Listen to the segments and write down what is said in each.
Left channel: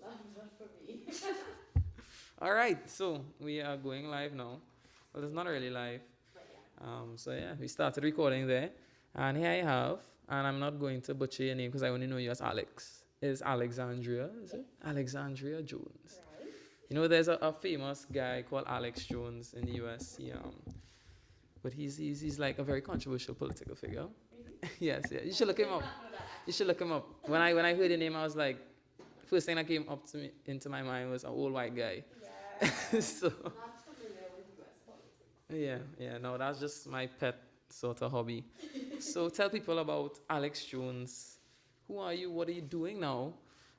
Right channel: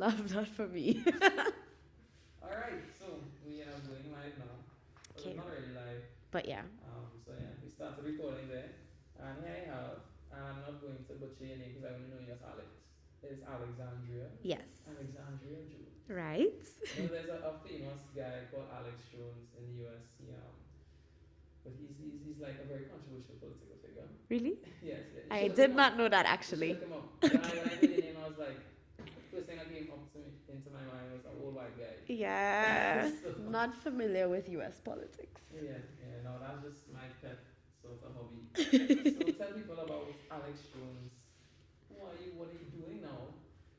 Love that for me. All right, so we are going live now. Well, it's Okay. not really live. But yeah. So yeah, we started recording there, and here I have, and I'm not going to butcher your name because I only know you as Alex. Is Alexandrea? Is it? Yes. Alexandrea Jones. Right? There's a famous guy called Alex Jones in the U.S. But he's like a very controversial political figure. Really? Yes, yeah. You should I look did him not up. know that You should actually. look him up. When I heard the name, I was like, first thing that came up to me into my mind was an old white guy. Yeah. So Not familiar with US politics. yeah. No, that's just my pet sort of hobby. So tell people about Alex Jones. Who are you? What are you doing now?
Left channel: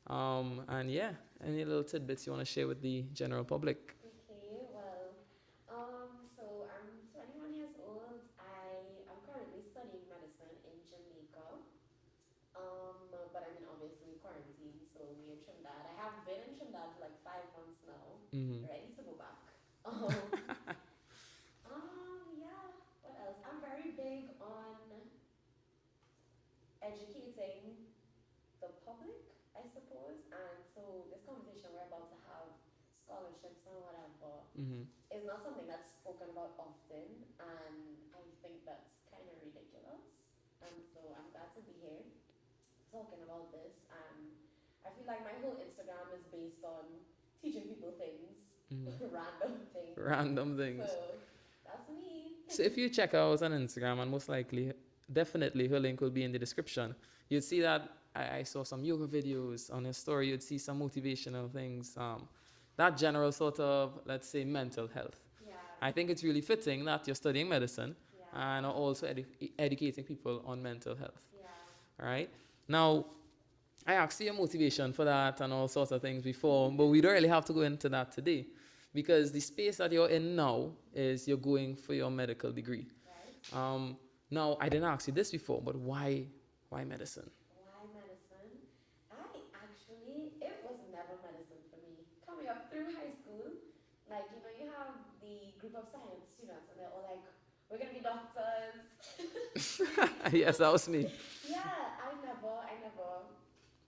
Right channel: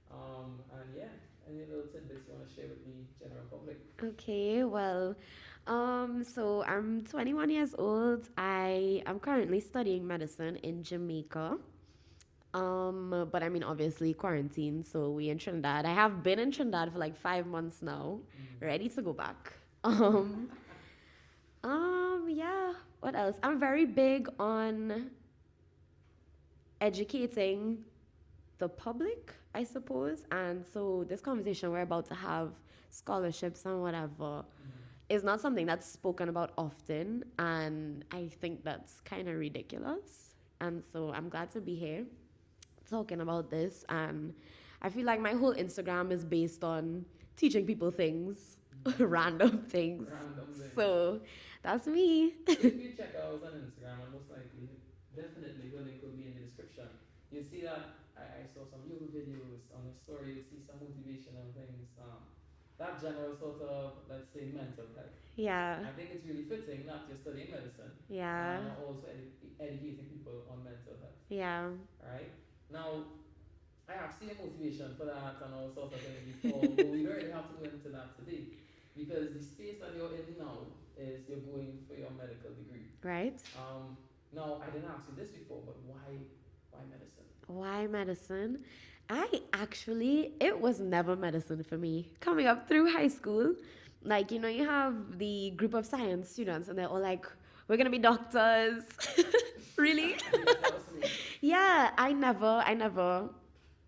And yeah, any little tidbits you want to share with the general public? Okay, well, so I'm 21 years old. I am currently studying medicine in Jamaica. But I mean, obviously quarantine, so we in Trinidad. I have been in Trinidad for like 5 months now, ready to go back. Yeah. What else? I'm very big on educating the public, I suppose. And so this conversation we're about to have, scholarships and whatever, is not something that's spoken about often. And I think that's kind of ridiculous. And so I'm glad to be here talking about this. And I feel like my whole Instagram is based on teaching people things, random things. Random things. So that's me. So if you check her out on Instagram, and most likely, definitely her link will be in the description, you'd see that I saw some yoga videos on her story. You'd see some motivational things. That general sort of, let's say, mental health. Yeah. I think it's really fitting that you're studying medicine Yeah. and also educating people on mental health. Yeah. All right. Now, I asked you your motivation for that and all sorts of things before, but we don't really have to go into that today because the space that you're in now is you're going for your medical degree. Right? Now, I didn't ask you this before, but why medicine? Why medicine? It was never medicine for me. Coming up through high school, like, you have the group of science students and they're all like, we're going to be doctors. Really? Yes, that was me. Yeah,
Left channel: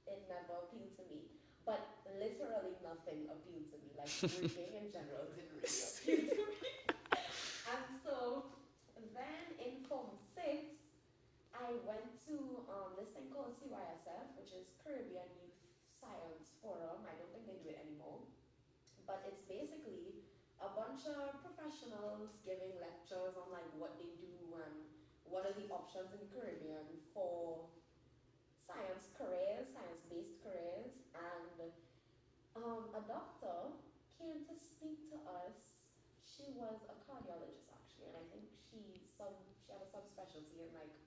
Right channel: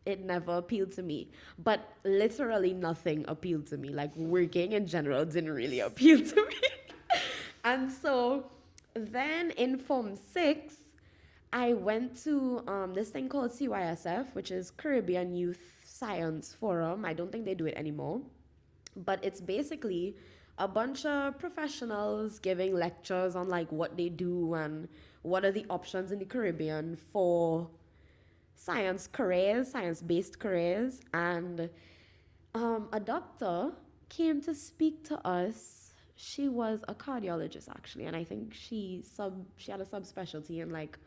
it never appealed to me. But literally nothing appealed to me. Like working in general didn't really appeal to me. And so then in Form 6, I went to this thing called CYSF, which is Caribbean Youth Science Forum. I don't think they do it anymore. But it's basically a bunch of professionals giving lectures on like what they do and what are the options in the Caribbean for science-based careers. And a doctor came to speak to us. She was a cardiologist actually, and I think she had a subspecialty in like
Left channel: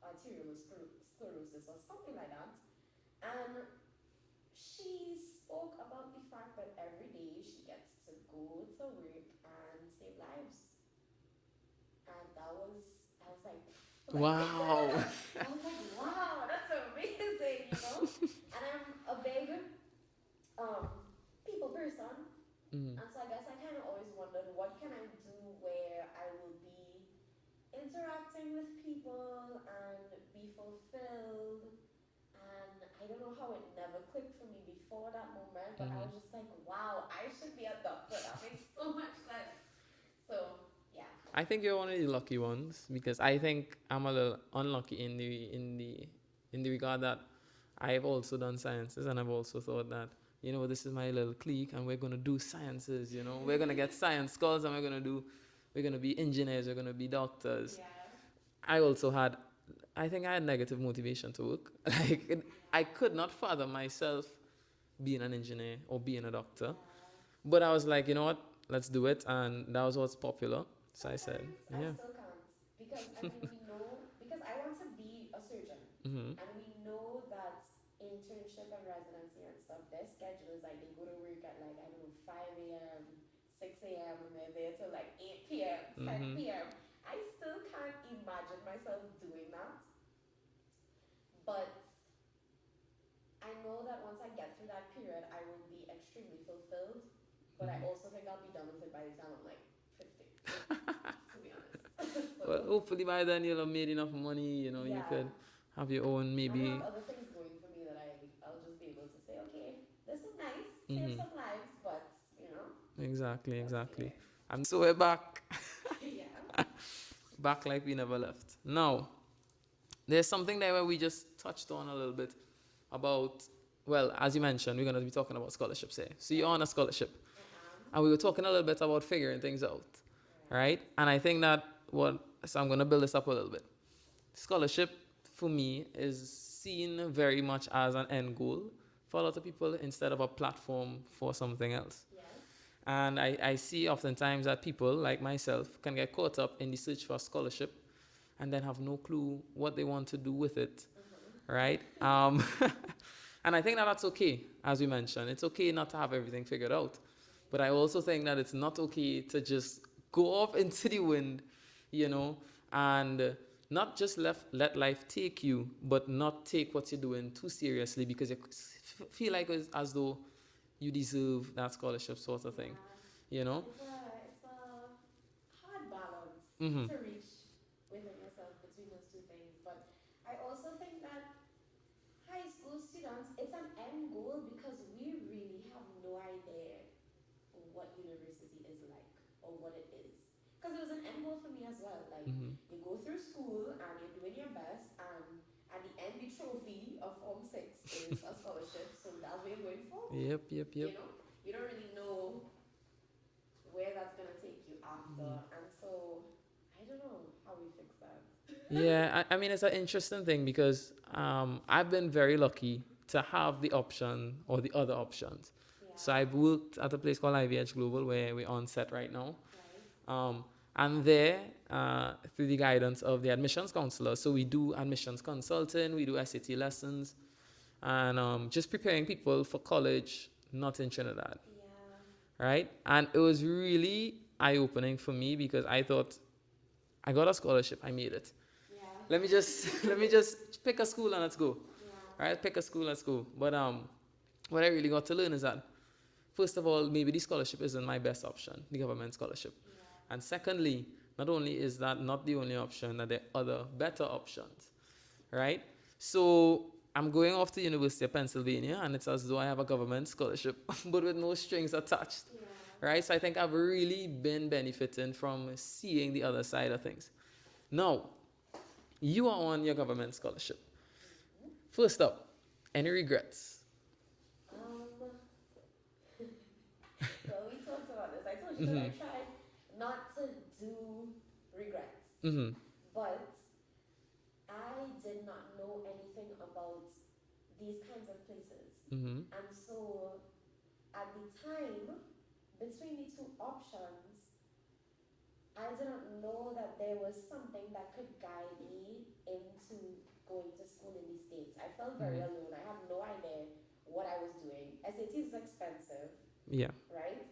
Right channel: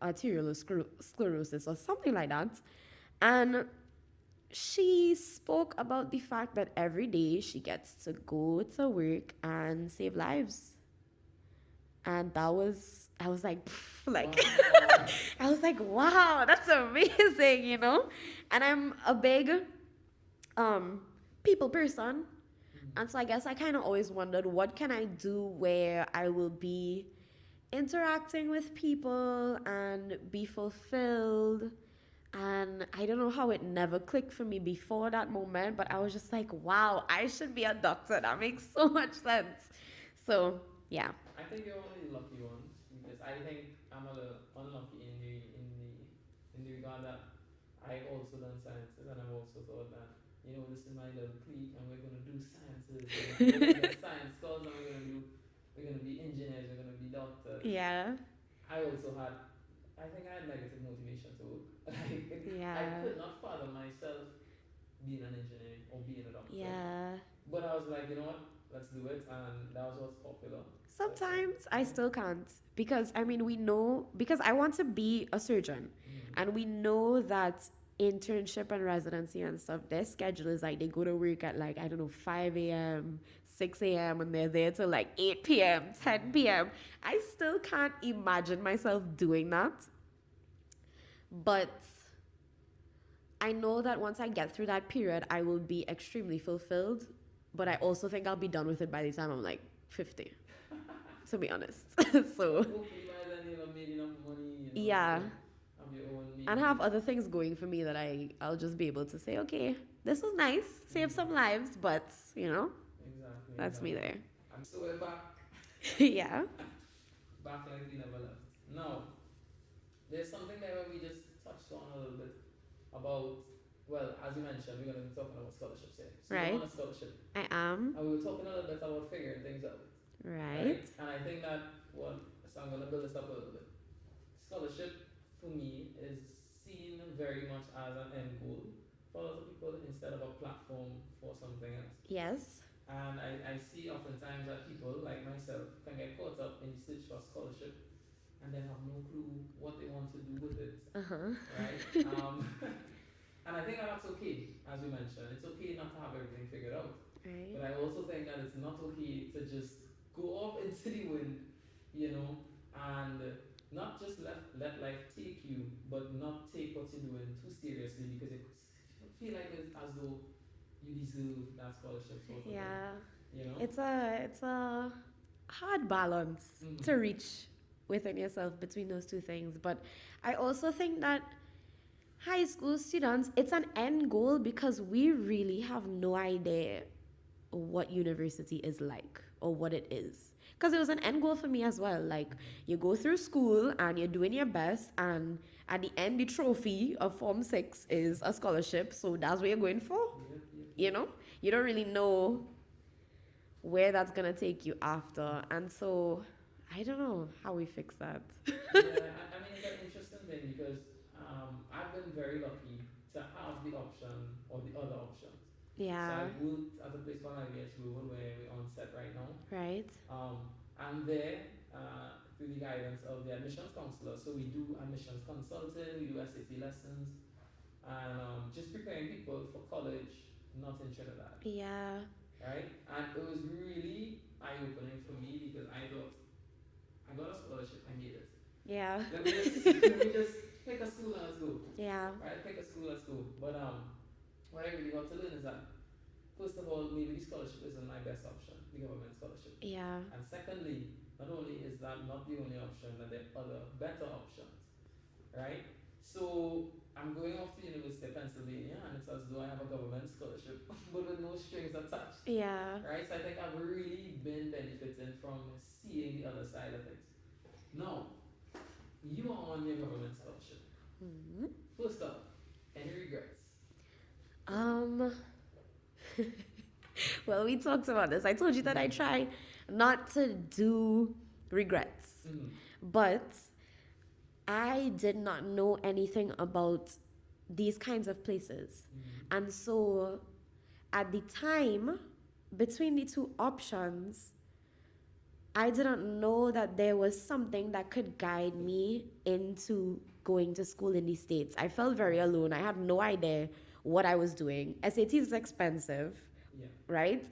arterial sclerosis or something like that. And she spoke about the fact that every day she gets to go to work and save lives. And I was like, like Wow. I was like, wow, that's amazing. And I'm a big people person. And so I guess I kind of always wondered, what can I do where I will be interacting with people and be fulfilled? And I don't know how it never clicked for me before that moment, but I was just like, wow, I should be a doctor. That makes so much sense. So yeah. I think you're one of the lucky ones because I think I'm a little unlucky in the regard that I've also done sciences and I've also thought that this is my little clique and we're gonna do sciences. We're gonna get science scholars and we're gonna be engineers. We're gonna be doctors. Yeah. I think I had negative motivation to work. I could not fathom myself being an engineer or being a doctor. Yeah. But I was like, you know what? Let's do it, and that was what's popular. So Sometimes I yeah. still can't because we know, because I want to be a surgeon, and we know that internship and residency and stuff, their schedule is like they go to work at like, I don't know, 5 a.m., 6 a.m., and they're there till like 8 p.m., 10 p.m. I still can't imagine myself doing that. But I know that once I get through that period, I will be extremely fulfilled. But I also think I'll be done with it by the time I'm like 50, to be honest. So well, hopefully by then you'll have made enough money, yeah. You could have your own maybe. And have other things going for me that I'll just be able to say, okay, this was nice, saved some lives, but Exactly, that's me exactly. there. And so we're back. Yeah. Back like we never left. Now, there's something there where we just touched on a little bit about, well, as you mentioned, we're going to be talking about scholarships here. So you're Right. on a scholarship. I am. And we were talking a little bit about figuring things out. Right. And I think that so I'm going to build this up a little bit. Scholarship for me is seen very much as an end goal for a lot of people instead of a platform for something else. Yes. And I see oftentimes that people like myself can get caught up in the search for a scholarship and then have no clue what they want to do with it. Right? And I think that that's okay, as we mentioned. It's okay not to have everything figured out. Right. But I also think that it's not okay to just go off into the wind, and not just let life take you, but not take what you're doing too seriously because you feel like it's as though you deserve that scholarship sort of thing. It's a hard balance to reach within yourself between those two things. But I also think that high school students, it's an end goal because we really have no idea what university is like or what it is. Because it was an end goal for me as well. Like, you go through school and you're doing your best, and at the end, the trophy of Form 6 is a scholarship. So that's what you're going for. Yep. You don't really know where that's going to take you after. And so I don't know how we fix that. Yeah, I mean, it's an interesting thing because I've been very lucky to have the option or the other options. Yeah. So I've worked at a place called IVH Global where we're on set right now. Right. And there, through the guidance of the admissions counselor, so we do admissions consulting, we do SAT lessons, and just preparing people for college, not in Trinidad. Yeah. Right? And it was really eye-opening for me because I thought, I got a scholarship, I made it. Yeah. Let me just pick a school and let's go. Yeah. Right? Pick a school, let's go. But what I really got to learn is that, first of all, maybe the scholarship isn't my best option, the government scholarship. Yeah. And secondly, not only is that not the only option, that there are other better options, right? So I'm going off to University of Pennsylvania, and it's as though I have a government scholarship, but with no strings attached. Yeah. Right? So I think I've really been benefiting from seeing the other side of things. Now, you are on your government scholarship. First up, any regrets? Well, we talked about this. I told you that I try not to do regrets. But I did not know anything about these kinds of places. And so at the time, between the two options, I didn't know that there was something that could guide me into going to school in the States. I felt very alone. I had no idea what I was doing. SAT is expensive. Yeah. Right?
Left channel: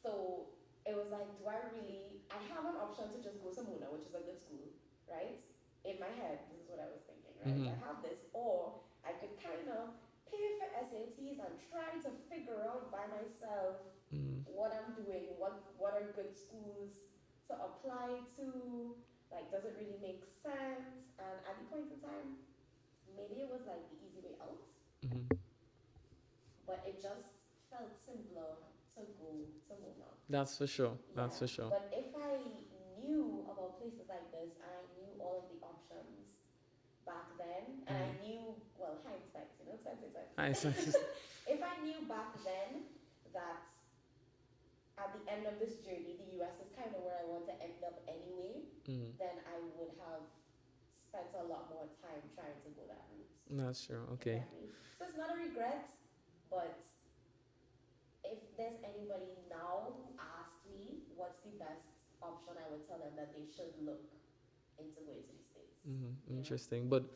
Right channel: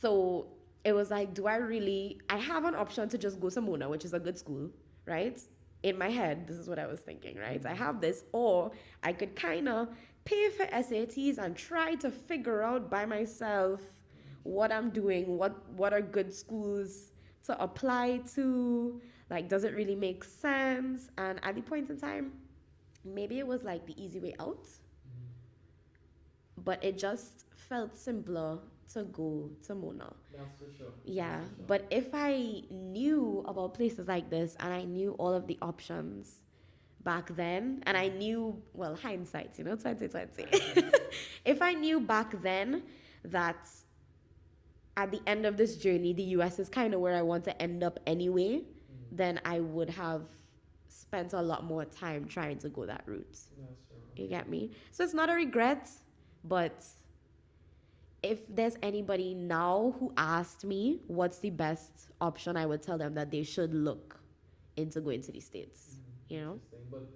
So it was like, I have an option to just go to Mona, which is a good school, right? In my head, this is what I was thinking, right? I have this, or I could kind of pay for SATs and try to figure out by myself what I'm doing, what are good schools to apply to, like, does it really make sense? And at the point in time, maybe it was like the easy way out, but it just felt simpler to go to Mona. That's for sure. Yeah, That's for sure. but if I knew about places like this and I knew all of the options back then, and I knew, well, hindsight, 2020. If I knew back then that at the end of this journey, the US is kind of where I want to end up anyway, then I would have spent a lot more time trying to go that route. That's true. Okay. You get me? So it's not a regret, but if there's anybody now who asked me what's the best option, I would tell them that they should look into going to the States. Interesting. But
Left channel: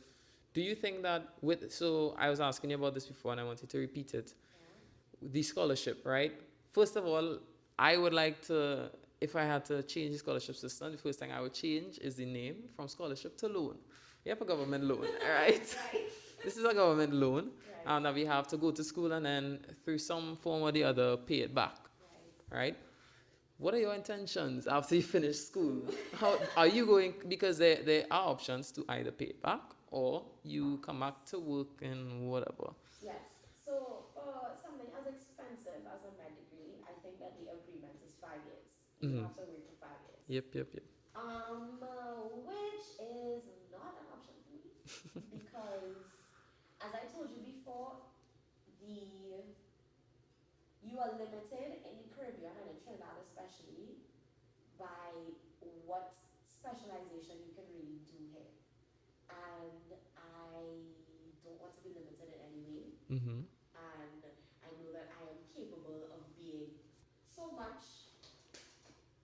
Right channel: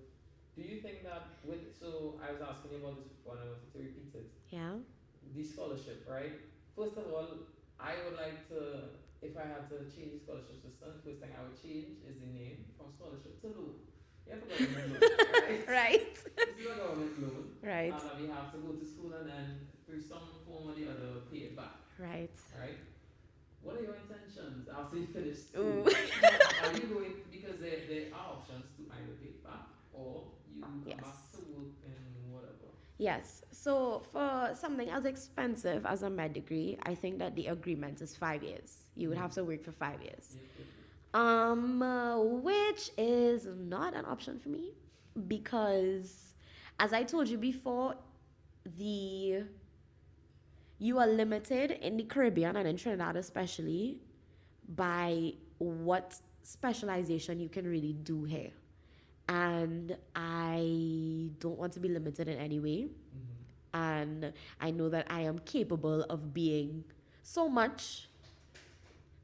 do you think that so I was asking you about this before and I wanted to repeat it. Yeah. The scholarship, right? First of all, I would like to, if I had to change the scholarship system, the first thing I would change is the name from scholarship to loan. You have a government loan, right? Right. This is a government loan. Right. And that we have to go to school and then through some form or the other pay it back. Right. Right? what are your intentions after you finish school? Mm. How are you going? Because there are options to either pay it back or you come back to Yes. work and whatever. Yes. So for something as expensive as a med degree, I think that the agreement is 5 years. You would Mm-hmm. have to work for 5 years. Yep, yep, yep. Which is not an option for me because, as I told you before, the you are limited in the Caribbean and in Trinidad especially by what specialization you can really do here. And I don't want to be limited in any way. Mm-hmm. And I know that I am capable of being so much,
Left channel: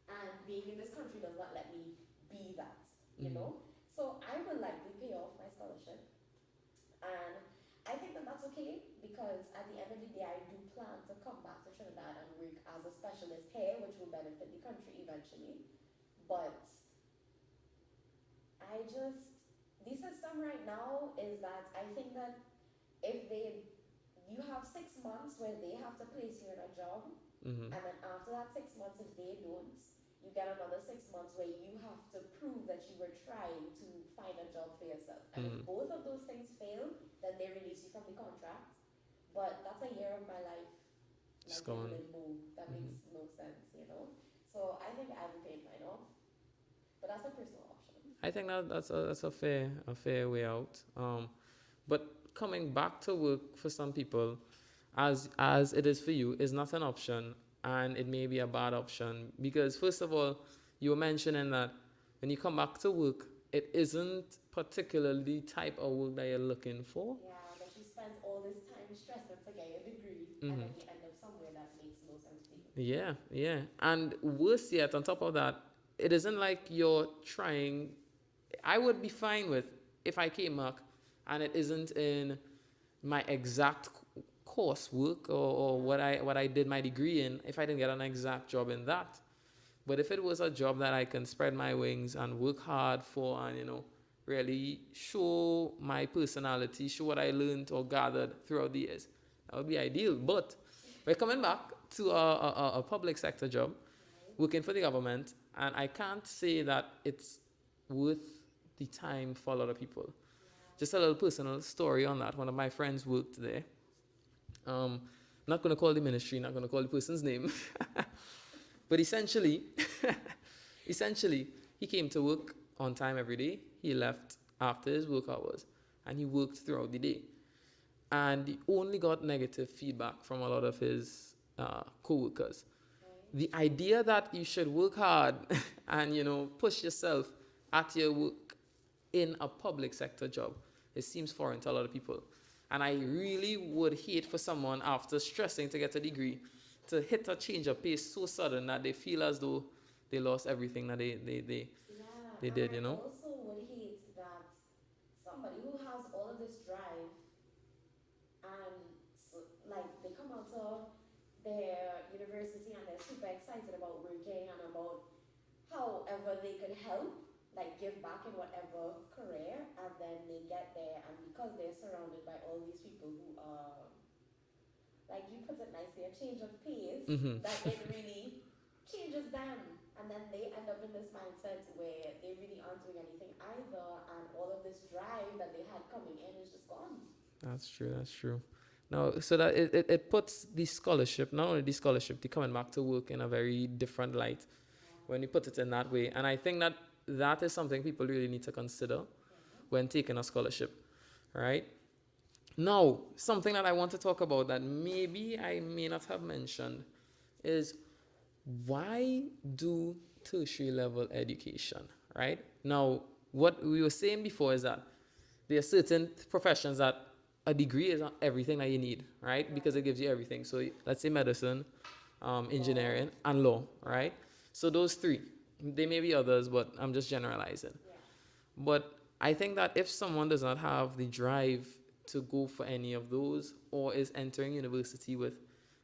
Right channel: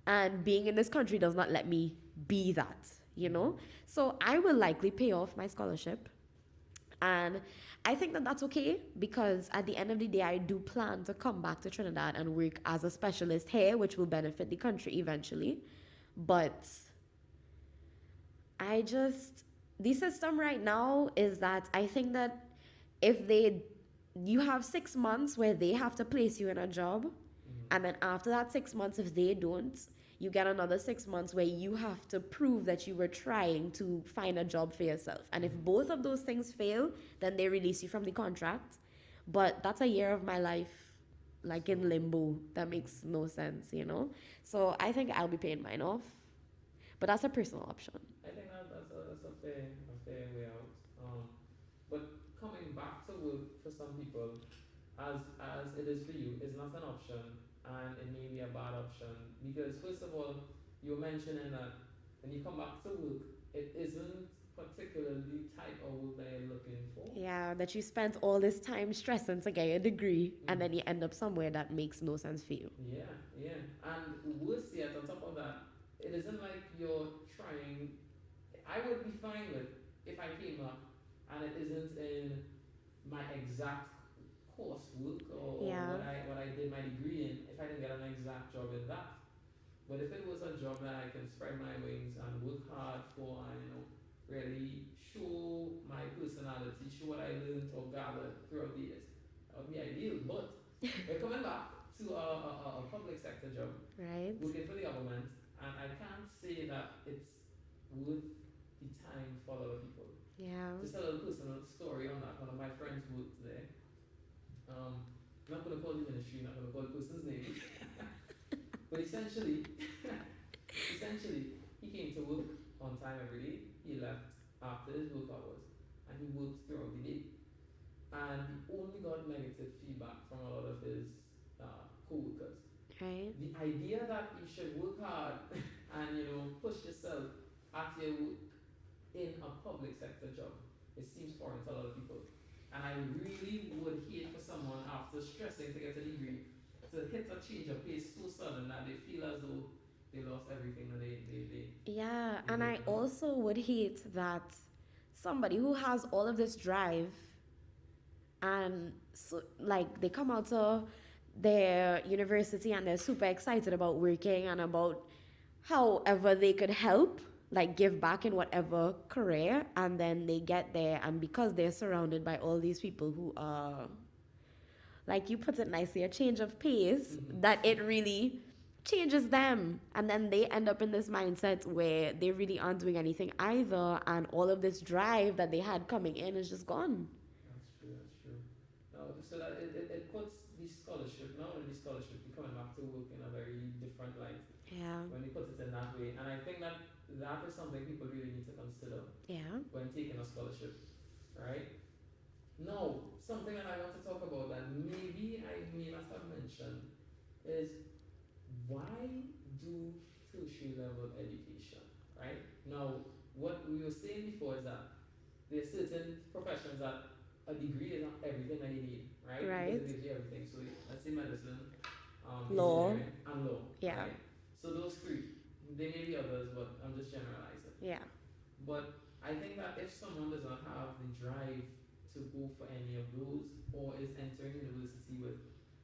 and being in this country does not let me be that, you Mm-hmm. know? So I will likely pay off my scholarship. And I think that that's okay because at the end of the day, I do plan to come back to Trinidad and work as a specialist here, which will benefit the country eventually. But I just, the system right now is that I think that if they, you have 6 months where they have to place you in a job, Mm-hmm. and then after that 6 months, if they don't, you get another 6 months where you have to prove that you were trying to find a job for yourself. And if Mm-hmm. both of those things fail, then they release you from the contract. But that's a year of my life, It's like in gone. limbo. That makes no sense, you know? So I think I'll be paying mine off. But that's a personal option. I think that's a fair way out. But coming back to work for some people, as it is for you, is not an option, and it may be a bad option because first of all, you were mentioning that when you come back to work, it isn't particularly the type of work that you're looking for. Yeah, that you spent all this time stressing to get your degree, and Mm-hmm. then you end up somewhere that makes no sense for you. Yeah, yeah. And worse yet, on top of that, it isn't like you're trying. I would be fine with if I came back and it isn't in my exact coursework or Yeah. what I did my degree in, if I didn't get an exact job in that. But if it was a job that I can spread my wings and work hard for and, really show my personality, show what I learned or gathered throughout the years, that would be ideal. But we're coming back to a public sector job, Right? working for the government, and I can't say that it's worth the time for a lot of people. Yeah. Just a little personal story on that. One of my friends worked there. Not going to call the ministry, not going to call the person's name. But essentially, he came to work on time every day. He left after his work hours and he worked throughout the day. And he only got negative feedback from a lot of his co-workers. Right? The idea that you should work hard and, push yourself at your work in a public sector job, it seems foreign to a lot of people. And I really would hate for someone after stressing to get a degree to hit a change of pace so sudden that they feel as though they lost everything that Yeah, they and did, I also would hate that somebody who has all of this drive and so, like they come out of their university and they're super excited about working and about however they could help, like give back in whatever career, and then they get there and because they're surrounded by all these people who are, like you put it nicely, a change of pace, Mm-hmm. that it really changes them. And then they end up in this mindset where they really aren't doing anything either. And all of this drive that they had coming in is just gone. That's true. That's true. Now, so that it puts the scholarship, not only the scholarship, the coming back to work in a very different light Yeah. when you put it in that way. And I think that is something people really need to consider Yeah. when taking a scholarship, right? Now, something that I want to talk about that maybe I may not have mentioned is why do tertiary level education, right? Now, what we were saying before is that there are certain professions that a degree is not everything that you need, right? Because it Right. gives you everything. So let's say medicine, Law. engineering, and law, Yeah. right? So those three. There may be others, but I'm just generalizing. Yeah. But I think that if someone does not have the drive to go for any of those or is entering university with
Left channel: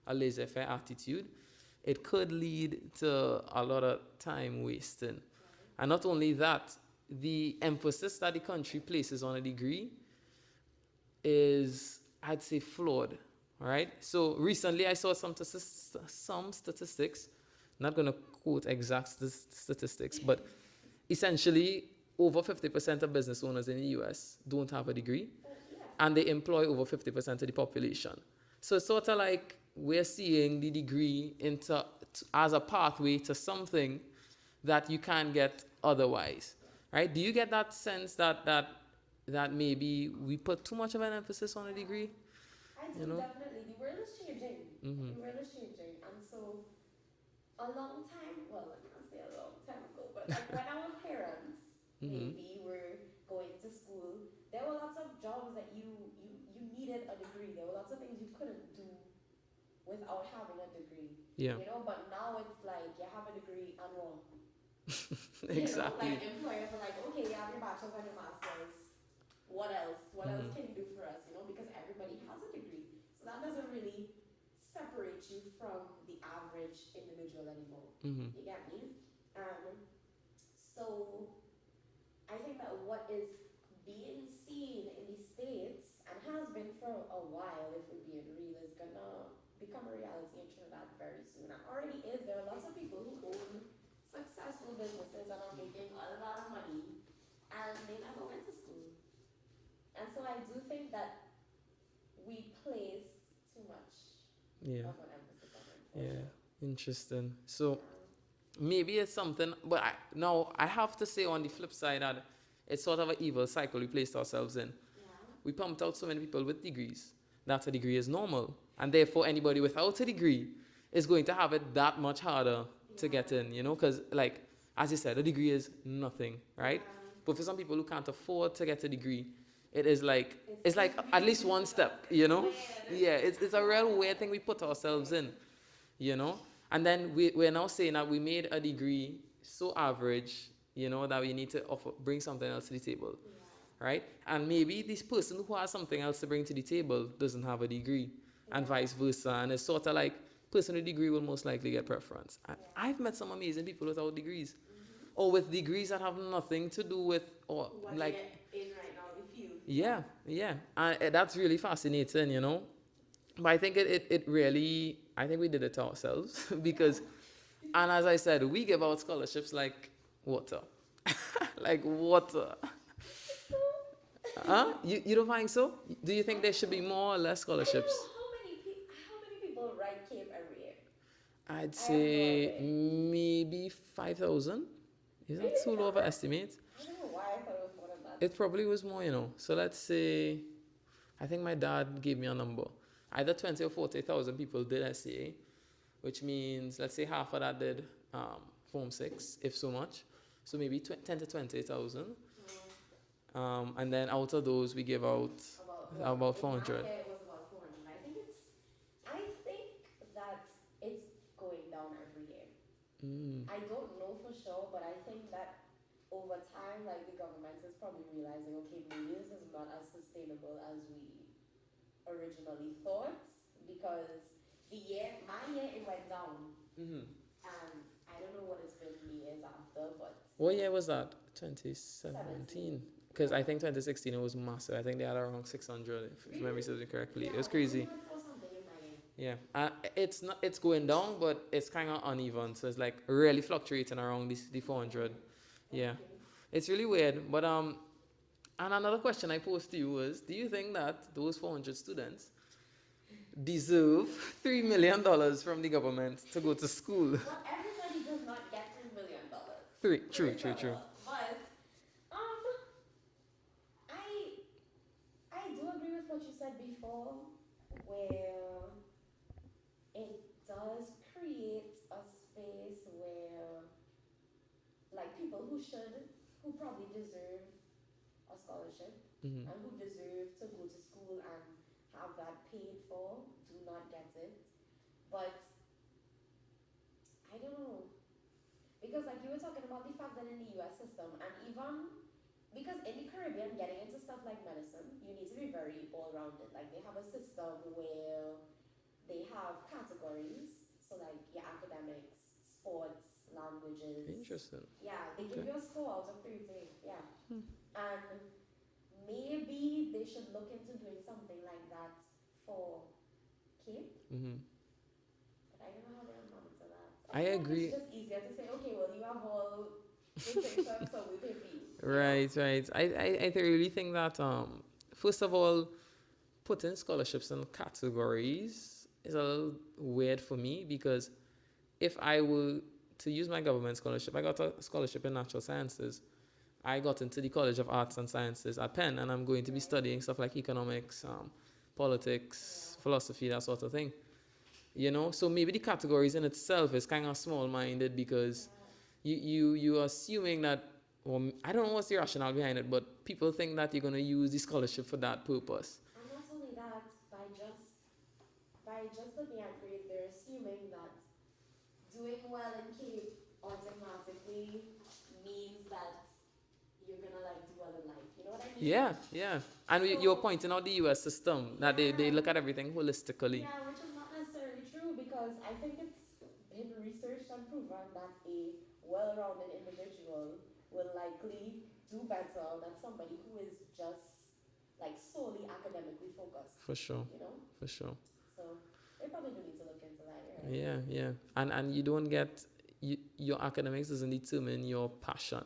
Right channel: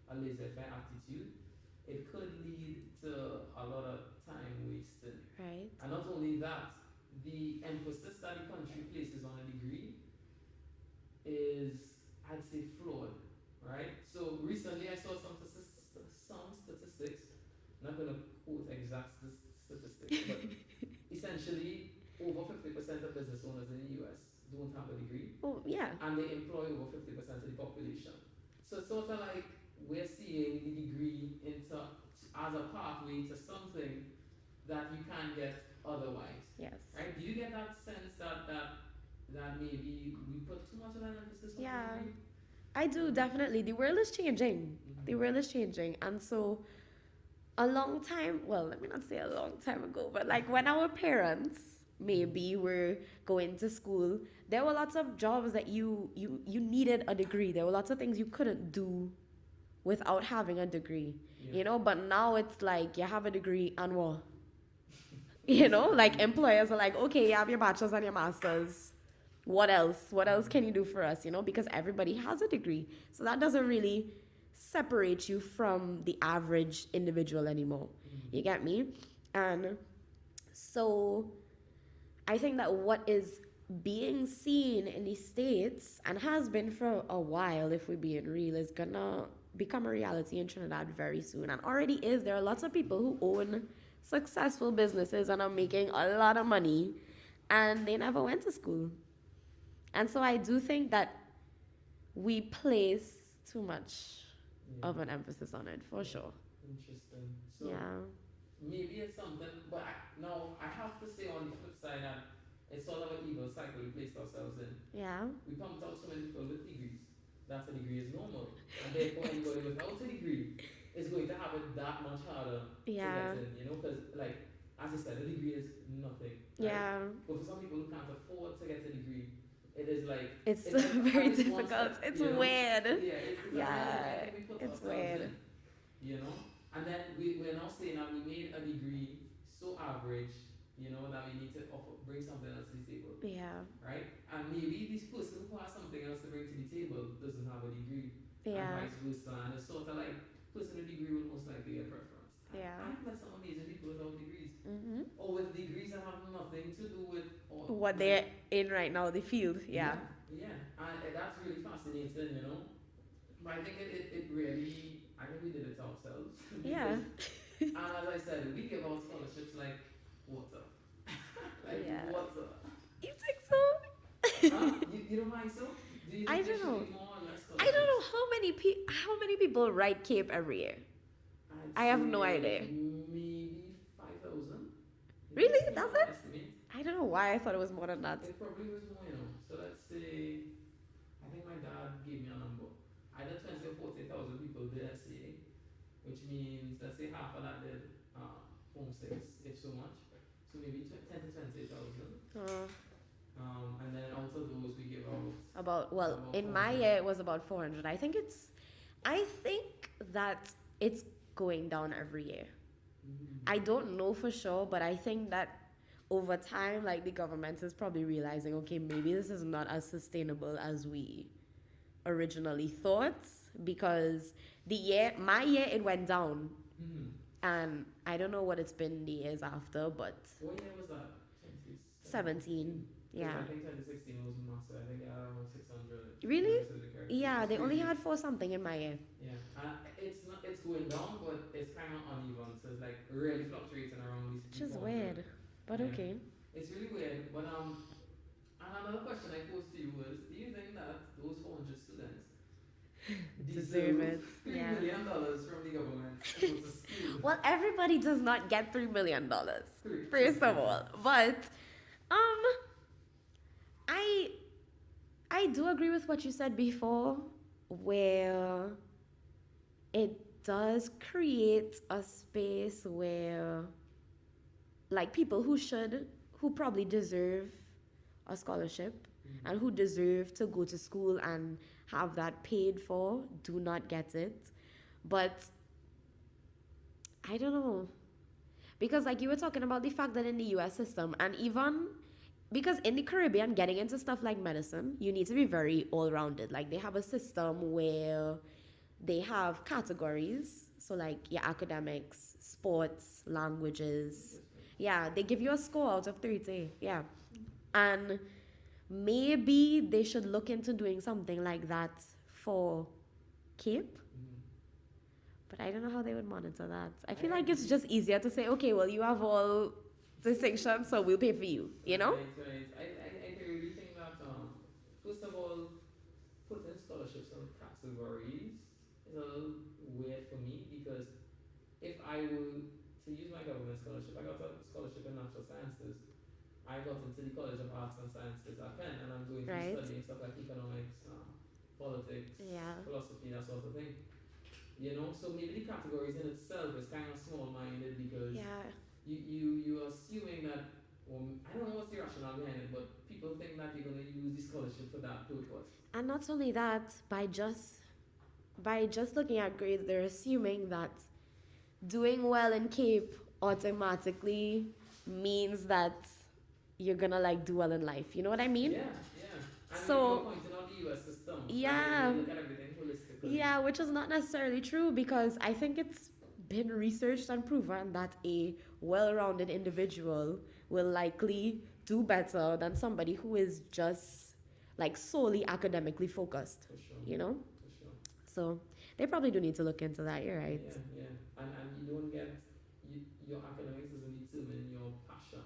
a laissez-faire attitude, it could lead to a lot of time wasting. Right. And not only that, the emphasis that the country places on a degree is, I'd say, flawed. All right. So recently, I saw some statistics. not going to quote exact statistics, but essentially over 50% of business owners in the US don't have a degree. Oh, yeah. And they employ over 50% of the population. So it's sort of like we're seeing the degree as a pathway to something that you can't get otherwise. Yes. Right? Do you get that sense that maybe we put too much of an emphasis on a degree? I do, definitely. The world is changing. Mm-hmm. The world is changing. And so a long time, well, let me not say a long time ago, but like when our parents maybe were going to school, there were lots of jobs that you needed a degree. There were lots of things you couldn't do without having a degree. Yeah. You know, but now it's like you have a degree and what? You know, like employers are like, okay, you have your bachelor's and your master's. What else? What else can you do for us? You know, because everybody has a degree. So that doesn't really separate you from the average individual anymore. You get me? And so I think that what is being seen in the States and has been for a while, if we're being real, is gonna become a reality in Trinidad very soon, and already is. There are lots of people who own successful businesses and are making a lot of money, and they never went to school. And so I do think that we place too much of an emphasis on it, for sure. Interesting. So maybe it's something, but I have to say on the flip side that it's sort of an evil cycle we placed ourselves in. Yeah. We pumped out so many people with degrees that a degree is normal, and therefore anybody without a degree is going to have it that much harder to get in, you know, because like, as you said, a degree is nothing, right? Yeah. But for some people who can't afford to get a degree, it is like, it's like very at least one step, it's you know? weird. Yeah, it's a real weird thing we put ourselves in, you know? And then we're now saying that we made a degree so average, you know, that we need to bring something else to the table. Yeah. Right? And maybe this person who has something else to bring to the table doesn't have a degree, and vice versa. And it's sort of like, person with a degree will most likely get preference. And I've met some amazing people without degrees, or with degrees that have nothing to do with what like, they're in right now, the field. Yeah. And that's really fascinating, you know. But I think it really, I think we did it to ourselves because, and as I said, we give out scholarships like water. Like water. You think so? Huh? You don't think so? Do you think there should be more or less scholarships? I don't know how many people write CAPE every year. I have no idea. Maybe 5,000. Is Really? that too low of an estimate? I don't know why I thought it was more than that. It probably was more, you know. So let's say, I think my dad gave me a number. Either 20 or 40,000 people did SCA, which means, let's say half of that did Form 6, if so much. So maybe 10 to 20,000. And then out of those, we give out about in 400. my year it was about 400. I think that it's going down every year. I don't know for sure, but I think that over time, like, the government is probably realizing, okay, maybe this is not as sustainable as we originally thought, because my year it went down, and I don't know what it's been the years after, but what year was that? 2017. Because I think 2016 it was massive. I think they had around 600. Really? If memory serves me correctly. Yeah, they crazy. only had 4 something in my year. Yeah, it's going down, but it's kind of uneven. So it's like really fluctuating around the 400. Weird, but okay. It's really weird. But and another question I posed to you was: do you think that those 400 students deserve $3 million from the government to go to school? Well, everybody does not get $3 million. First of all, but I do agree with what you said before, where it does create a space where, like, people who probably deserve a scholarship and who deserve to go to school and have that paid for do not get it. But I don't know, because like you were talking about the fact that in the US system, and even because in the Caribbean, getting into stuff like medicine, you need to be very all-rounded. Like, they have a system where they have categories. So, like, your academics, sports, languages. Interesting. Yeah, they give you a score out of 30. Yeah. And maybe they should look into doing something like that for CAPE. But I don't know how they would monitor that. I I feel like it's agree. just easier to say, okay, well, you have all distinctions, so we'll pay for you, you know? Right, right. I really think that first of all, putting scholarships in categories is a little weird for me because if I were to use my government scholarship, I got a scholarship in natural sciences. I got into the College of Arts and Sciences at Penn, and I'm going to be Right? studying stuff like economics, politics, Yeah. philosophy, that sort of thing. You know, so maybe the categories in itself is kind of small-minded because Yeah. you are assuming that. Well, I don't know what's the rationale behind it, but people think that you're going to use the scholarship for that purpose. And not only that, by just looking at grades, they're assuming that doing well in Cape automatically means that you're gonna like do well in life. You know what I mean? Yeah, yeah. And you were So pointing out the US system, that they yeah, look at everything holistically. yeah, which is not necessarily true because I think it's been researched and proven that a well-rounded individual will likely do better than somebody who is just like solely academically focused. For sure, You know? for sure. So they probably do need to look into that. You're right. Yeah, yeah. And you don't get, your academics doesn't determine your passion.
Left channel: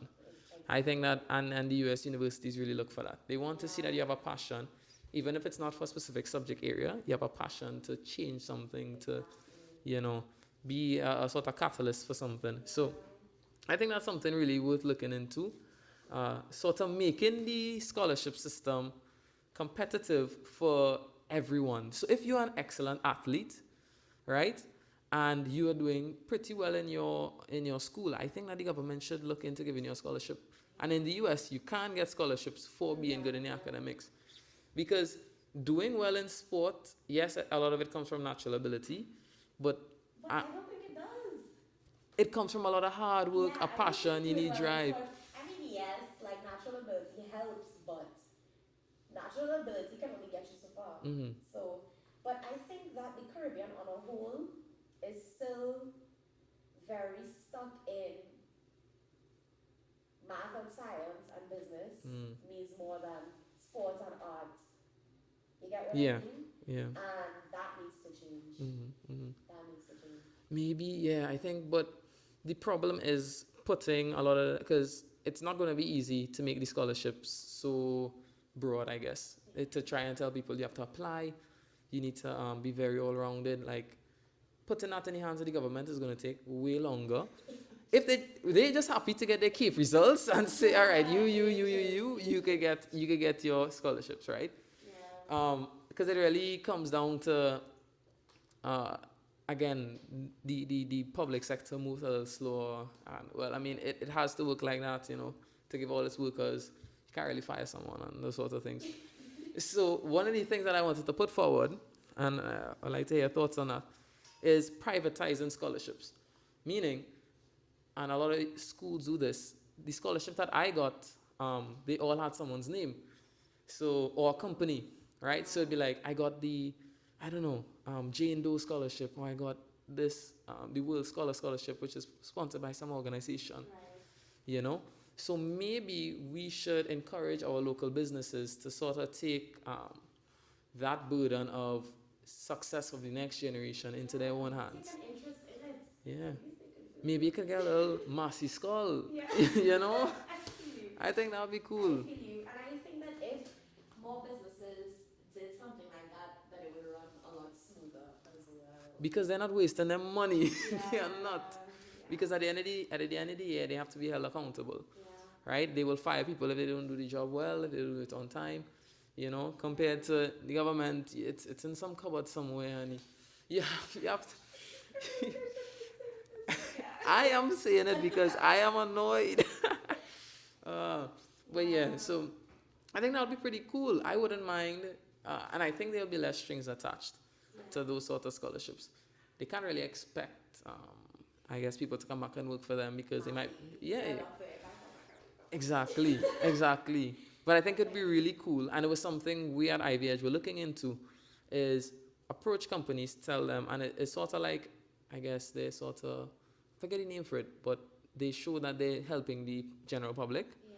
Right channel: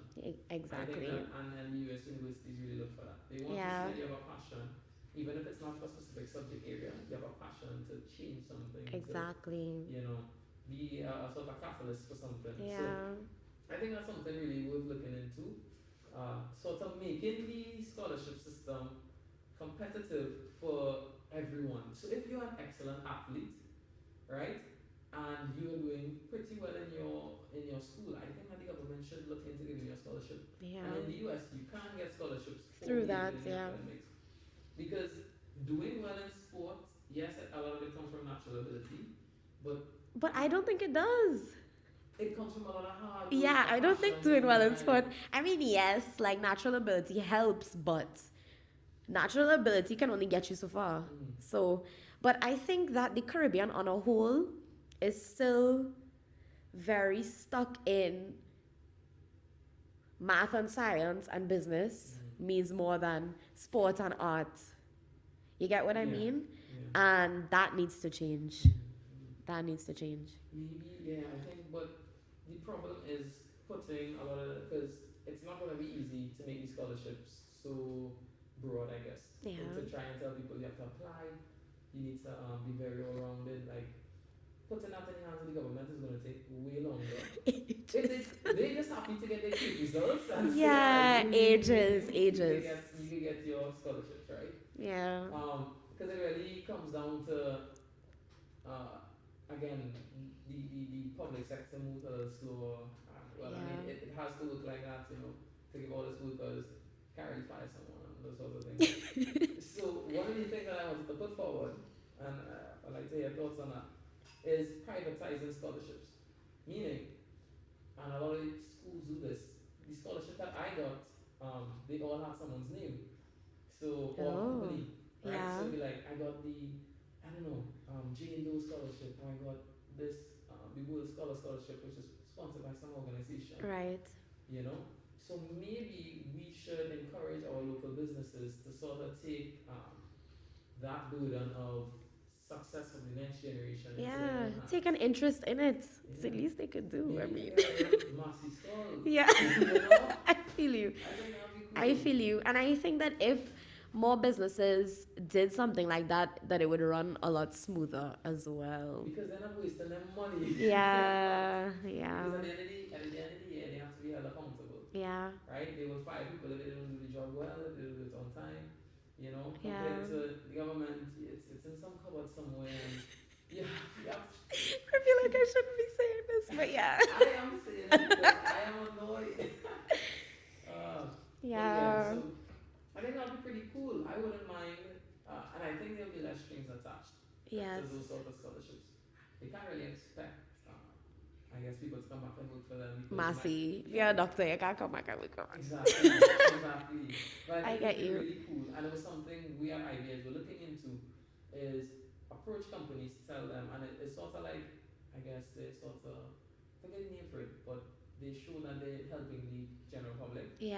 Exactly. I think that, and the US universities really look for that. They want to see Yeah. that you have a passion, even if it's not for a specific subject area, you have a passion to change something, Exactly. to, be a sort of catalyst for something. Yeah. So I think that's something really worth looking into. Sort of making the scholarship system competitive for everyone. So if you're an excellent athlete, right, and you are doing pretty well in your school, I think that the government should look into giving you a scholarship. Yeah. And in the US, you can get scholarships for Through being that, good in the yeah. academics, because doing well in sport, yes, a lot of it comes from natural ability, but But I don't think it does. it comes from a lot of hard work, Yeah, a I passion, don't think you doing need well in drive. sport. I mean, yes, like natural ability helps, but natural ability can only get you so far. Mhm. So, but I think that the Caribbean on a whole is still very stuck in math and science and business means more than sport and art. You get what Yeah. I mean? Yeah. And that needs to change. Mhm. That needs to change. Maybe, yeah, I think, but the problem is putting a lot of, because it's not going to be easy to make the scholarships so broad, I guess. Yeah. To try and tell people you have to apply, you need to be very all rounded. Like, putting that in the hands of the government is going to take way longer. If they're just happy to get their CAPE results and say, all right, you could get your scholarships, right? Yeah. Because it really comes down to, again, the public sector moves a little slower, and well, I mean, Yeah. it has to work like that, to give all its workers. You can't really fire someone and those sorts of things. So one of the things that I wanted to put forward, and I'd like to hear your thoughts on that, is privatizing scholarships. Meaning, and a lot of schools do this, the scholarship that I got, they all had someone's name. So, or a company, right? So Yeah. it'd be like, I got the, I don't know, Jane Doe Scholarship, or I got this, the World Scholarship, which is sponsored by some organization, Right. So maybe we should encourage our local businesses to sort of take that burden of success of the next generation into their own hands. Take an interest in it. Yeah. It's the least they could do. Maybe you could get a little Massey skull. Yeah. I feel you. I think that would be cool. I feel you. And I think that if more businesses did something like that, that it would run a lot smoother as well. Because they're not wasting their money. Yeah. They're not. Yeah. Because at the end of the year, they have to be held accountable. Yeah. Right? They will fire people if they don't do the job well, if they do it on time. Compared to the government, it's in some cupboard somewhere, and you have to. I feel like I shouldn't be saying this, but yeah. I am saying it because I am annoyed. But yeah, so I think that would be pretty cool. I wouldn't mind, and I think there'll be less strings attached to those sort of scholarships. They can't really expect, I guess, people to come back and work for them because they might. You're a doctor, you can't come back and work. Exactly, exactly. But I think I it'd be get you. really cool, and it was something we at Ivy Edge were looking into, is approach companies, tell them, and it's sort of like, I guess they sort of, forget the name for it, but they show that they're helping the general public. Yeah.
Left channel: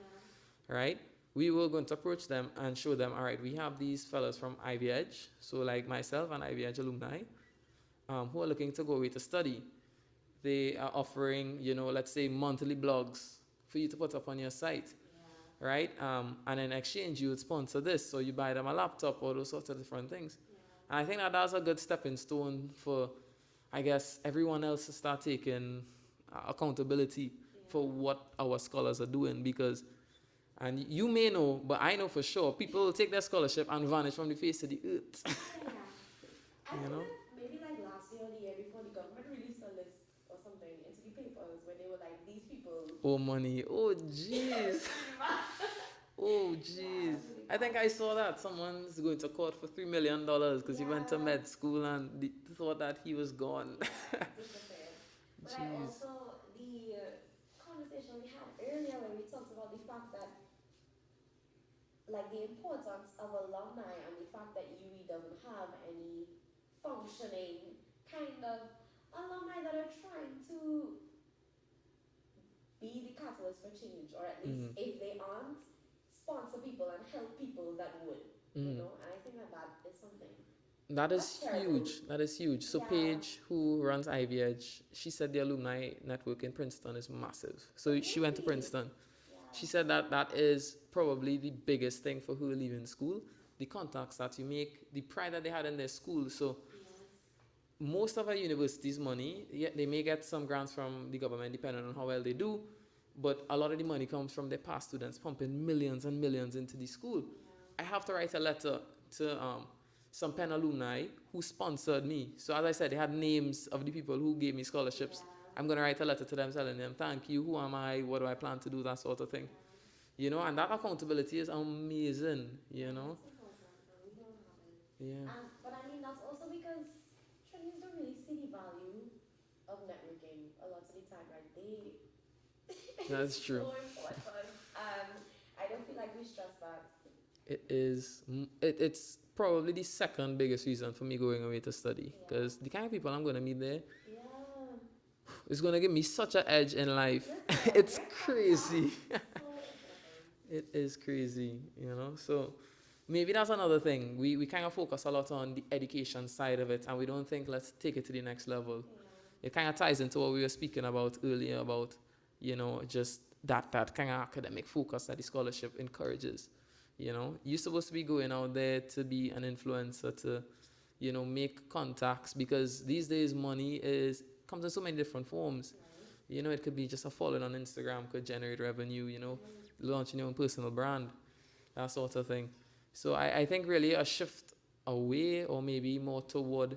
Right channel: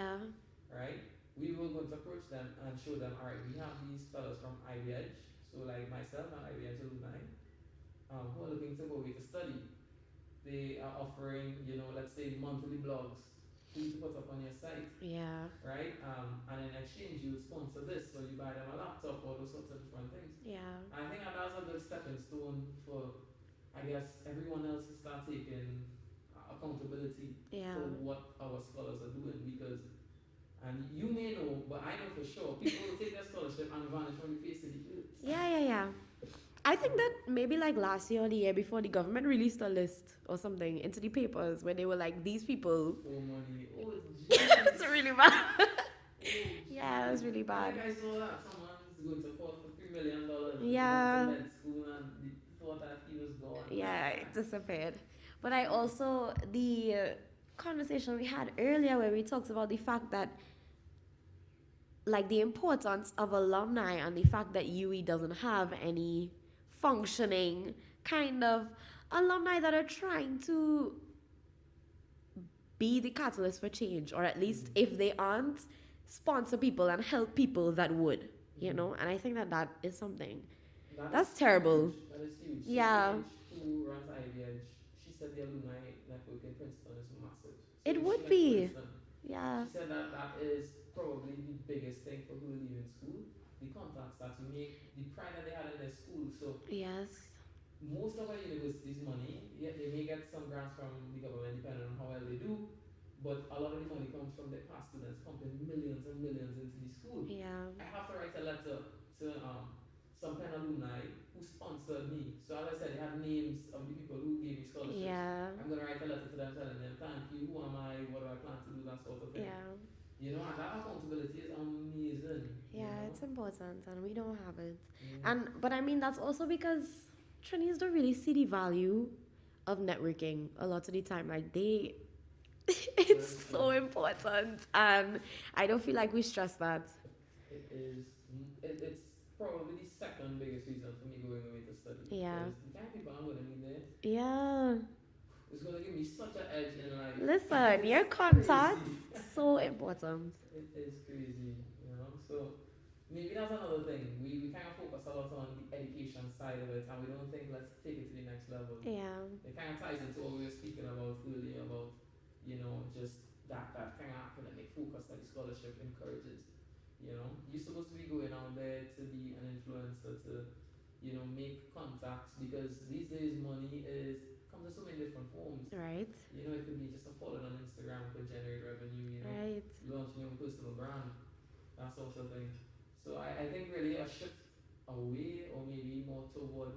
Right? We were going to approach them and show them, all right, we have these fellas from Ivy Edge, so like myself and Ivy Edge alumni. who are looking to go away to study, they are offering, let's say monthly blogs for you to put up on your site, Yeah. right? And in exchange, you would sponsor this, so you buy them a laptop, all those sorts of different things. Yeah. And I think that that's a good stepping stone for, I guess, everyone else to start taking accountability Yeah. for what our scholars are doing, because, and you may know, but I know for sure, people will take their scholarship and vanish from the face of the earth. Yeah. I think that maybe like last year or the year before, the government released a list or something into the papers where they were like, these people. Oh, money. Oh, jeez. It's really bad. Oh, jeez. Yeah, it was really bad. I think I saw that someone's going to court for $3 million because he went to med school and they thought that he was gone. Yeah, it disappeared. But I also, the conversation we had earlier where we talked about the fact that, like, the importance of alumni and the fact that UE doesn't have any functioning kind of alumni that are trying to be the catalyst for change, or at least if they aren't, sponsor people and help people that would, and I think that is something. That's terrible. Huge. That is huge. So Yeah. Paige, who runs Ivy Edge, she said the alumni network in Princeton is massive. So It she would went to be. Princeton. Yeah. She said that is probably the biggest thing for her leaving school. The contacts that you make, the pride that they had in their school. So Yes. most of our universities' money, yeah, they may get some grants from the government depending on how well they do, but a lot of the money comes from their past students pumping millions and millions into the school. Yeah. I have to write a letter to some Penn alumni who sponsored me. So as I said, they had names of the people who gave me scholarships. Yeah. I'm going to write a letter to them telling them, thank you, who am I, what do I plan to do, that sort of thing. Yeah. And that accountability is amazing, Yeah, it's important and we don't have it. Yeah. But I mean, that's also because trainees don't really see the value of networking a lot of the time. Like it's That's true. so important, and I don't feel like we stress that. It is, it's probably the second biggest reason for me going away to study. Yeah. Because the kind of people I'm going to meet there, Yeah. it's going to give me such an edge in life. Listen, your contact so important. It is crazy, So maybe that's another thing. We kind of focus a lot on the education side of it, and we don't think let's take it to the next level. Yeah. It kind of ties into what we were speaking about earlier about, just that kind of academic focus that the scholarship encourages. You're supposed to be going out there to be an influencer, to, make contacts, because these days money comes in so many different forms. Right. It could be just a following on Instagram could generate revenue, Right. launching your own personal brand, that sort of thing. So I think really a shift away, or maybe more toward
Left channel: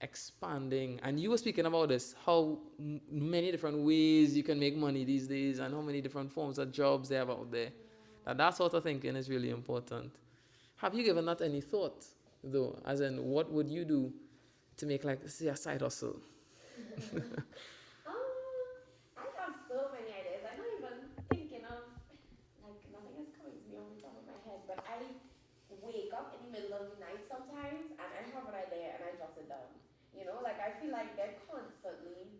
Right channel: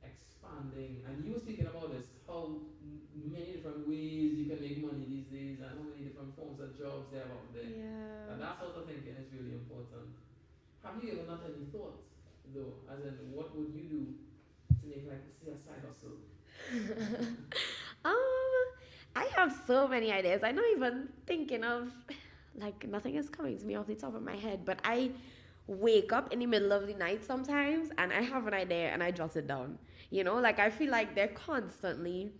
expanding. And you were speaking about this, how many different ways you can make money these days and how many different forms of jobs they have out there. Yeah. And that sort of thinking is really important. Have you given that any thought, though? As in, what would you do to make, like, say, a side hustle? I have so many ideas. I'm not even thinking of, like, nothing is coming to me off the top of my head, but I wake up in the middle of the night sometimes and I have an idea and I jot it down. Like, I feel like they're constantly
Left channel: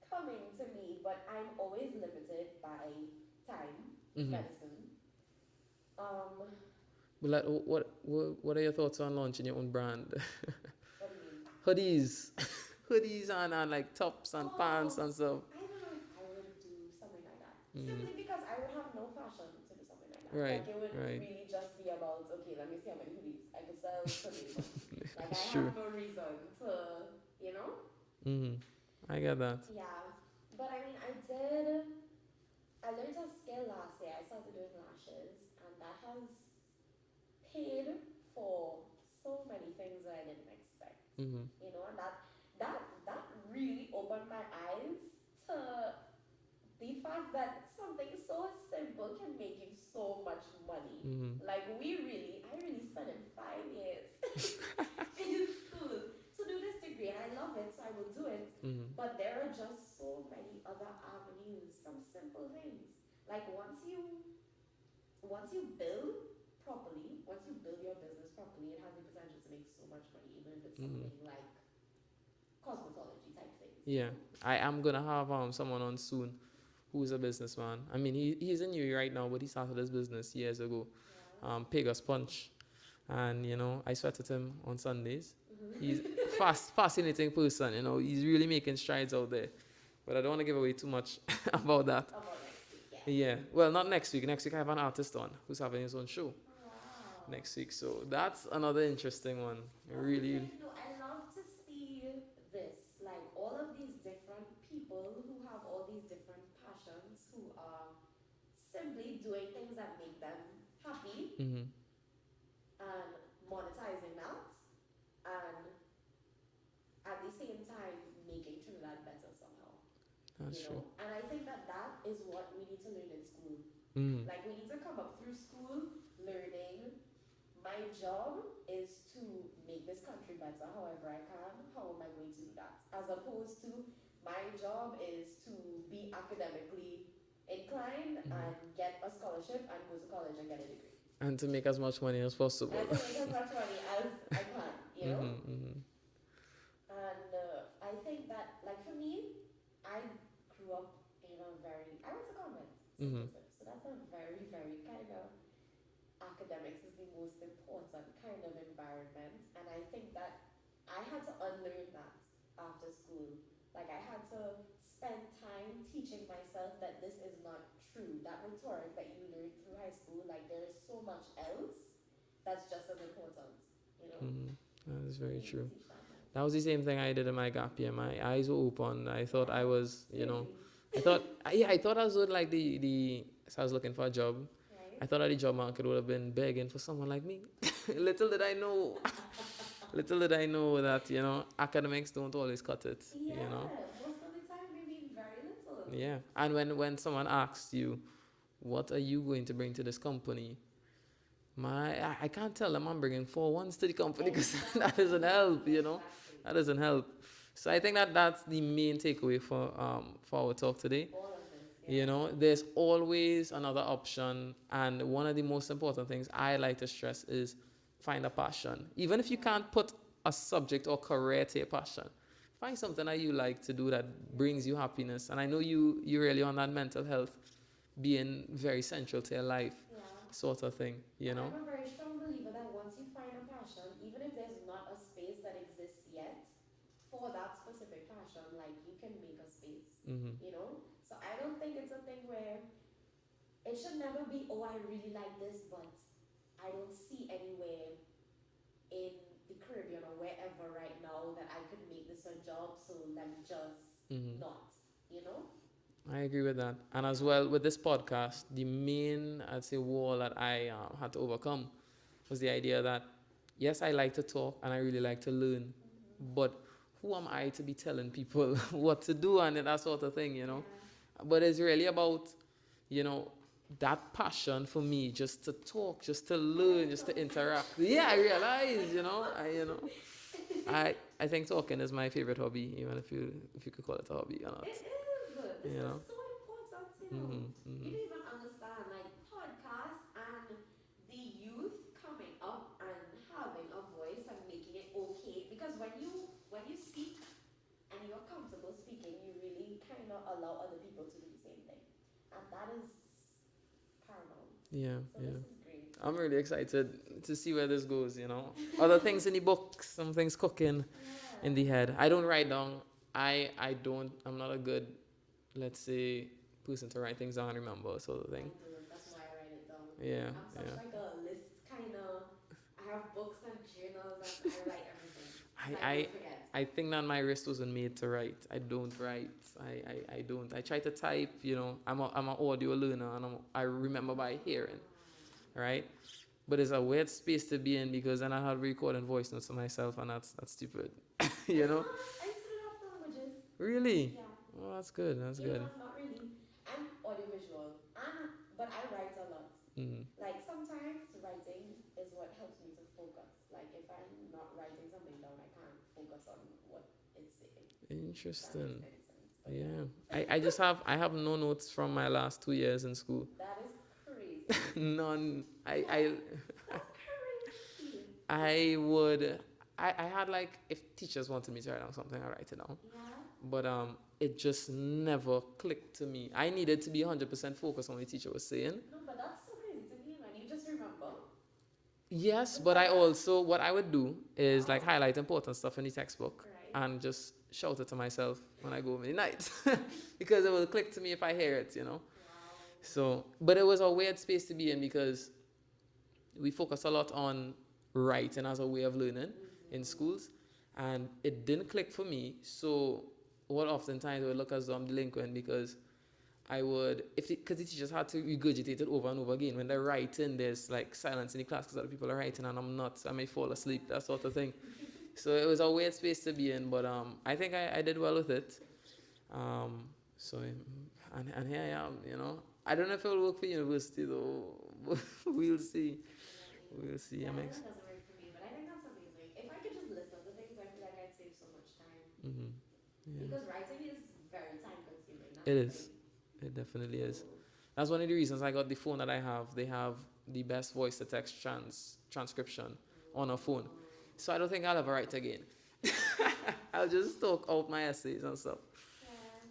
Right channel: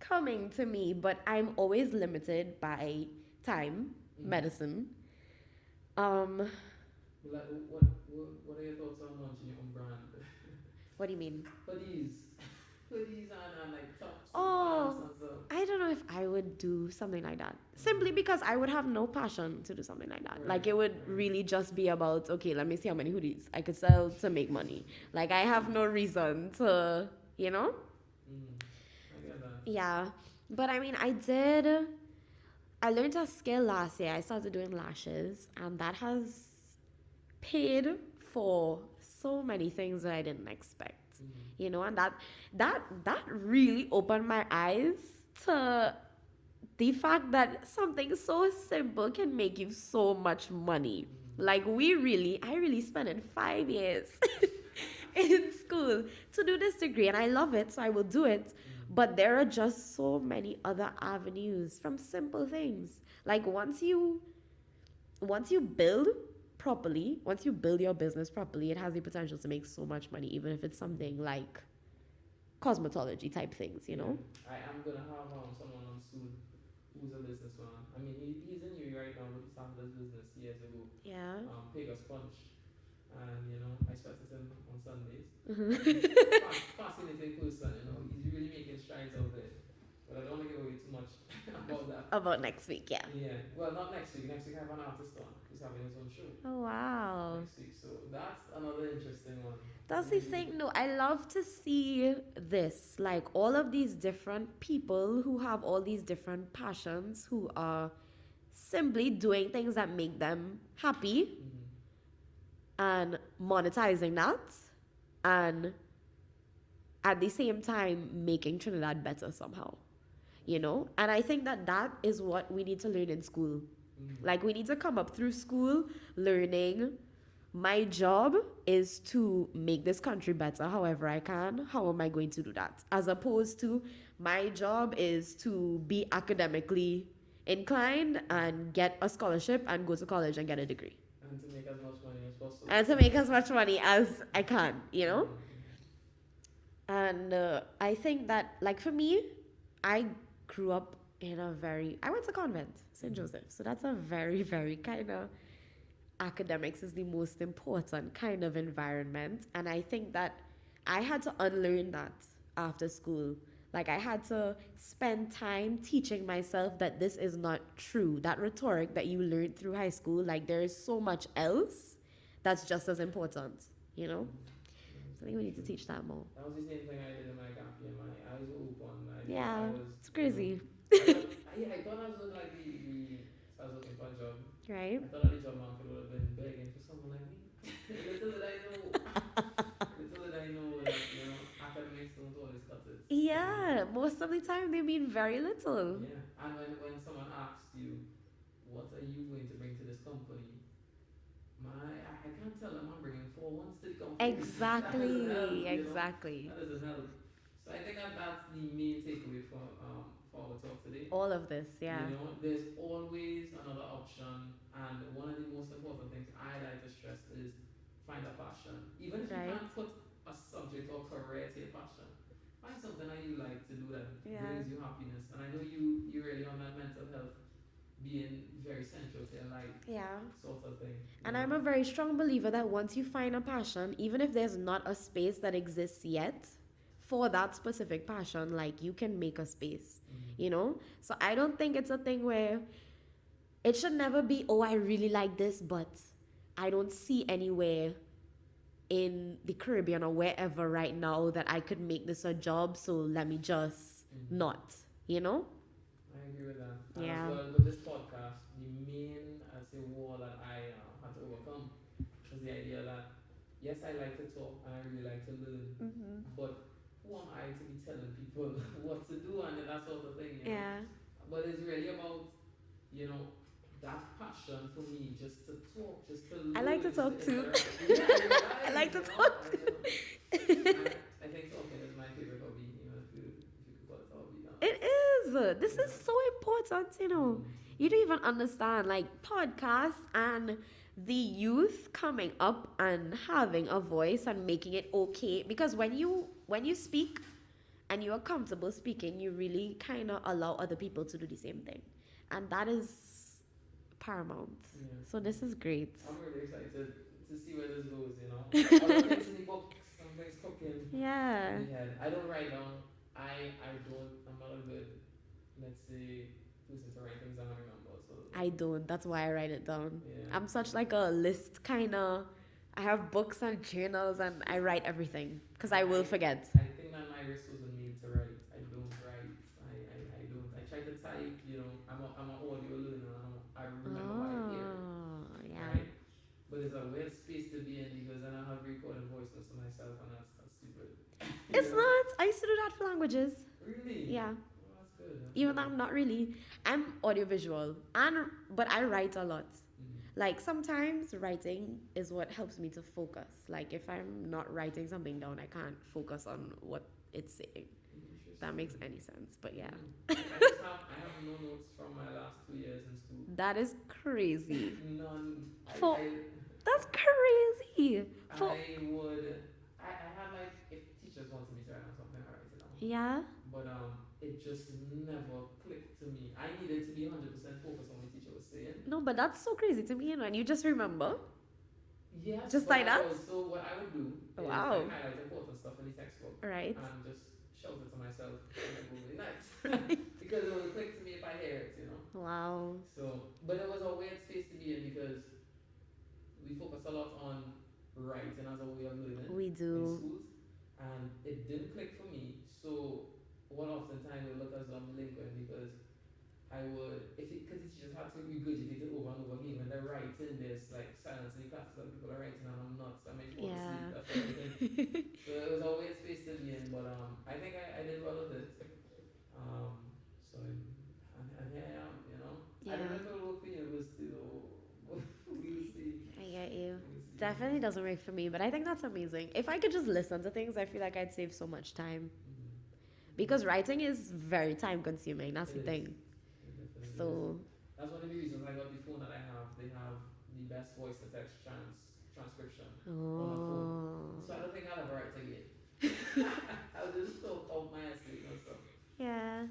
coming to me, but I'm always limited by time, medicine. Like, what are your thoughts on launching your own brand? What do you mean? Hoodies and like tops and pants and stuff. I don't know if I would do something like that. Simply because I would have no passion to do something like that. Right, like, it would really just be about, okay, let me see how many hoodies I could sell to make money. Like, I have no reason to, I get that. Yeah. But I mean, I learned a skill last year. I started doing lashes, and that has paid for so many things that I didn't expect. And that really opened my eyes to the fact that something so simple can make you so much money. Like, I really spent 5 years in school to do this degree, and I love it, so I will do it. But there are just so many other avenues from simple things. Like, once you build properly, once you build your business properly, it has the potential to make so much money, even if it's something like cosmetology type things, you know? I am gonna have someone on soon who's a businessman. He's in UAE right now, but he started his business years ago. Yeah. Pegasus Punch. And I sweated him on Sundays. Mm-hmm. He's fascinating person. He's really making strides out there. But I don't want to give away too much about that. About next week, yeah. Yeah. Well, not next week. Next week I have an artist on who's having his own show Oh, wow. next week. So that's another interesting one. That's really. the thing. No, I love to see this. Like all of these different people who have all these different passions, who are simply doing things that make them happy Mm-hmm. and monetizing that, and at the same time making Trinidad better somehow. That's And I think that is what we need to learn in school. Mm. Like we need to come up through school learning, my job is to make this country better however I can. How am I going to do that? As opposed to my job is to be academically inclined and get a scholarship and go to college and get a degree. And to make as much money as possible. And to make as much money as I can, Mm-hmm. And I think that, like for me, I grew up I went to convent, St. Mm-hmm. Joseph. So that's a very, very kind of, academics is the most important kind of environment. And I think that I had to unlearn that after school. Like I had to spend time teaching myself that this is not true. That rhetoric that you learned through high school, like there is so much else that's just as important, Mm-hmm. That's So very you need true. to teach that more. That was the same thing I did in my gap year. My eyes were open. I thought I was, It's crazy, I thought I was doing like so I was looking for a job. right? I thought that the job market would have been begging for someone like me. Little did I know that, academics don't always cut it. Yeah, most of the time they mean very little. Yeah. And when someone asks you, what are you going to bring to this company? I can't tell them I'm bringing 4 ones to the company. Exactly. That doesn't help, Exactly. That doesn't help. So I think that's the main takeaway for our talk today. All of this, yeah. There's always another option, and one of the most important things I like to stress is find a passion. Even if you Right. can't put a subject or career to your passion, find something that you like to do that brings you happiness. And I know you really on that mental health being very central to your life, Yeah. sort of thing. And I'm a very strong believer that once you find a passion, even if there's not a space that exists yet for that specific passion, like you can make a space, Mm-hmm. So I don't think it's a thing where it should never be, oh, I really like this, but I don't see anywhere in the Caribbean or wherever right now that I could make this a job, so let me just not, I agree with that. And as Yeah. well, with this podcast, the main, I'd say, wall that I had to overcome was the idea that, yes, I like to talk and I really like to learn, but who am I to be telling people what to do and that sort of thing, Yeah. But it's really about, that passion for me, just to talk, just to learn, like to just talk to too. interact. Yeah, I realize, I like to I think talking is my favorite hobby, even if you could call it a hobby or not. It is. This You is know? so important, You don't even understand, like podcasts and the youth coming up and having a voice and making it okay. Because when you speak and you are comfortable speaking, you really kind of allow other people to do the same thing, and that is paramount. Yeah. So this is great. I'm really excited to see where this goes, Other things in the book, some things cooking Yeah. in the head. I don't write down. I'm not a good, let's say, person to write things down and remember. So I don't. That's why I write it down. Yeah. I'm such like a list kind of. I have books and journals and I write everything because I will forget. I think that my wrist wasn't made to write. I don't write. I don't. I try to type, I'm an audio learner and I remember by hearing, Yeah. right? But it's a weird space to be in because then I had recording voice notes to myself and that's stupid. It's not. I used to do that for languages. Really? Yeah. Oh, that's good. Even though I'm not really. I'm audiovisual, but I write a lot. Like sometimes writing is what helps me to focus. Like if I'm not writing something down, I can't focus on what it's saying. Interesting. If that makes any sense. But yeah. I have no notes from my last 2 years in school. That is crazy. None. That's crazy. I had like, if teachers wanted me to write down something, I write it down. Yeah. But it just never clicked to me. I needed to be 100% focused on what the teacher was saying. No, but that's so crazy to me, and you just remember. Yes, Just but like I that? also, what I would do is like Wow. highlight important stuff in the textbook Right. and just shout it to myself when I go home in the night because it will click to me if I hear it, you know. Wow. So, but it was a weird space to be in because we focus a lot on writing as a way of learning We in do. schools, and it didn't click for me. So, what oftentimes I would look as though I'm delinquent because I would, if because the teachers had to regurgitate it over and over again. When they're writing, there's like silence in the class because other people are writing and I'm not. So I may fall asleep, Yeah. that sort of thing. So it was a weird space to be in, but I think I did well with it. Um, so and here I am, you know. I don't know if it will work for university though. We'll see. I get you. We'll see. Definitely doesn't work for me, but I think that's amazing. If I could just listen to things, I feel like I'd save so much time. Because writing is very time consuming. That's It the is. thing. It definitely is. So, That's one of the reasons I got the phone that I have. They have the best voice to text transcription on a phone. So I don't think I'll ever write again. I'll just talk out my essays and stuff. yeah.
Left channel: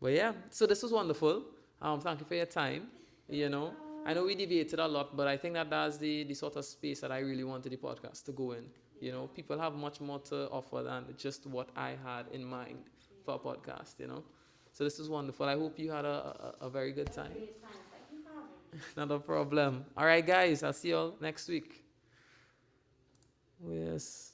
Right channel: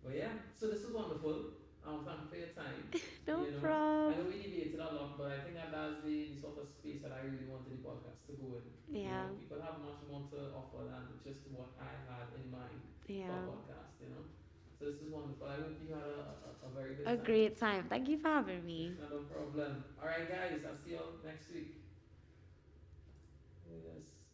But yeah, so this was wonderful. Thank you for your time. No you know, problem. I know we deviated a lot, but I think that that's the sort of space that I really wanted the podcast to go in. Yeah. You know, people have much more to offer than just what I had in mind for a podcast, you know. So this was wonderful. I hope you had a very good time. A great time. Thank you for having me. Not a problem. All right, guys. I'll see you all next week. Yes.